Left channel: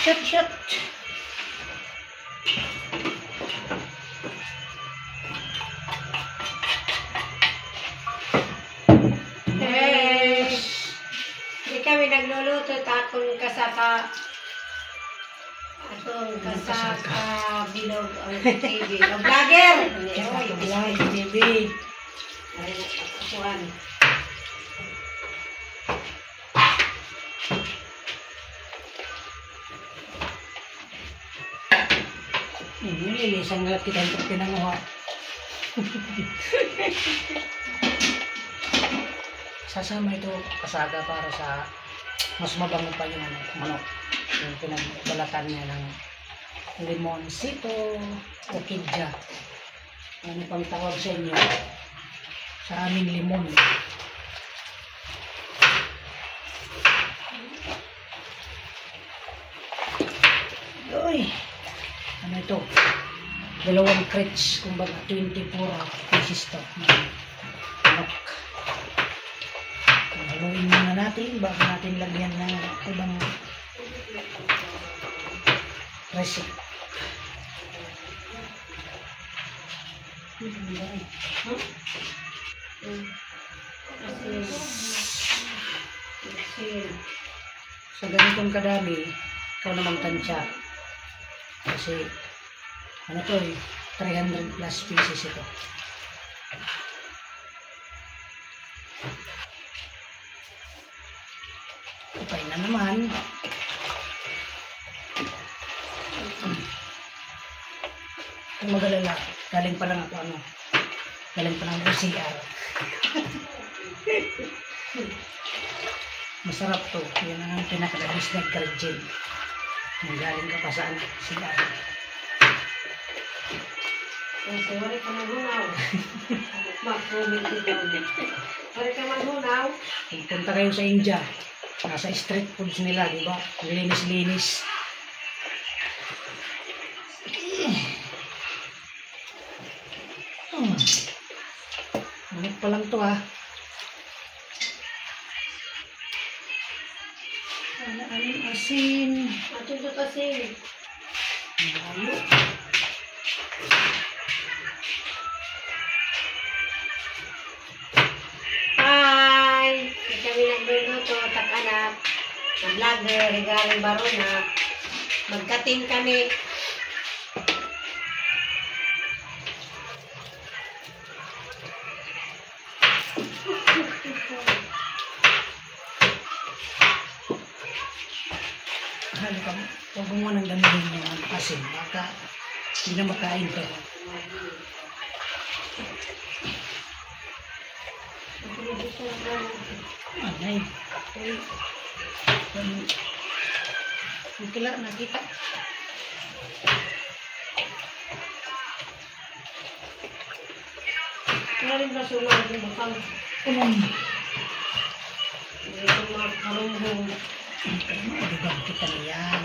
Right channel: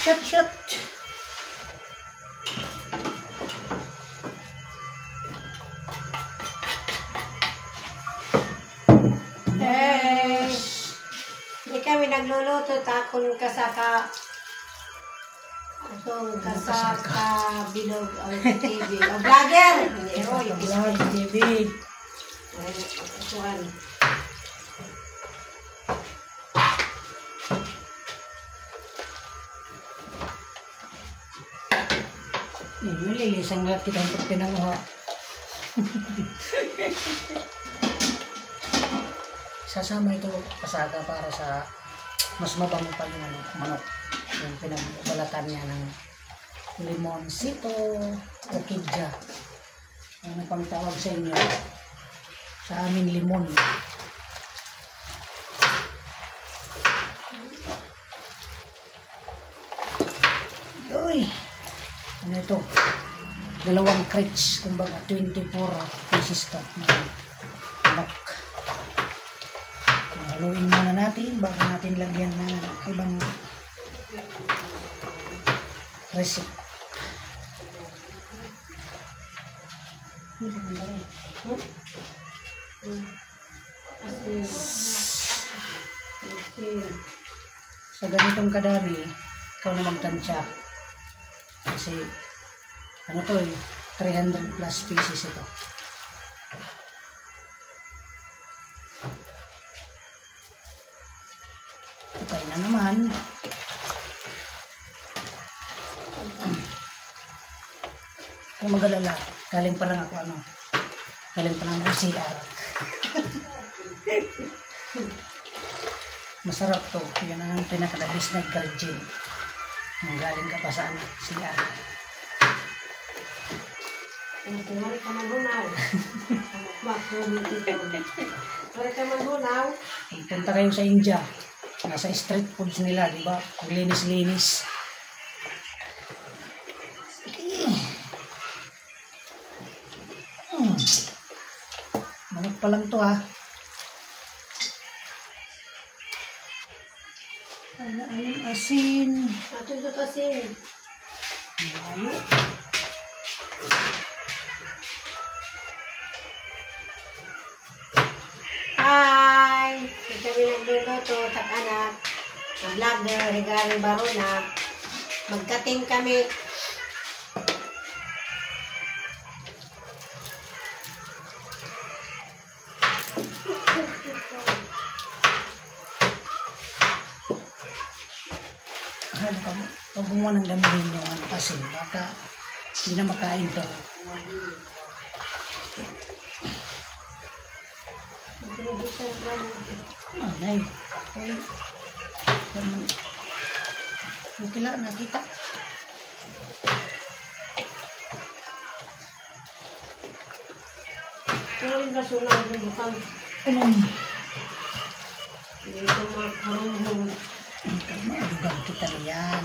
Shoot, shoot. Hey! Hindi kami nagluluto. Takon kasaka. Atong kasaka bilog ang TV. O vlogger! Vlog TV. Ay, asuhan. Nililisang lahat kita yung pinanguha. Sasama ito kasaga para sa mas mabango pa yung manok. Yung pinagbalatan niya ng limonsito o kidja. Ano pang tawag sa inyo? Sa amin limon. Uy! Ano ito? 2 crates, kumbaga 24 pieces to. Manok. Haluin muna natin bago natin lagyan ng ibang recipe. Sa ganitong kadami, ikaw na magtansya. Kasi, ano to 300 plus pieces ito. Okay na naman. Kung mag-alala, galing pa lang ako galing pa lang ako CR. Masarap to. Yan ang pinakadabis na gargin. Kung galing ka pa sa CR. Wala ka magunaw. Mag-comment ito. Wala ka magunaw. Punta kayo sa India. Nasa street foods nila, di ba? Linis-linis. Manok pa lang to ha. Anong asin? Ato ito kasi. Malayo. Hi! Kami nagluluto, tak-anak. Na-vlog na regaling barona. Magkating kami. Ano ka mo? Huwag mo nang gamitin yung asin. Baka hindi na makain to. Anay. Okay. Kila nakita. Kaya rin kasunod yung bukang. Ito makarumong. Maadugan kita niyan.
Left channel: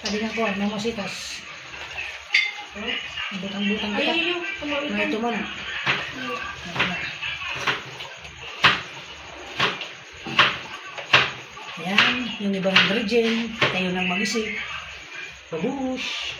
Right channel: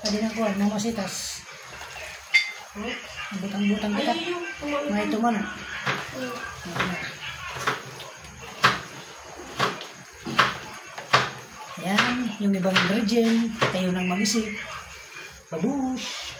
Tadi na ko, mamasitas. Butang-butang kita. Mga ito man. Yan, yung ibang virgin, kayo nang mag-isip. Babush!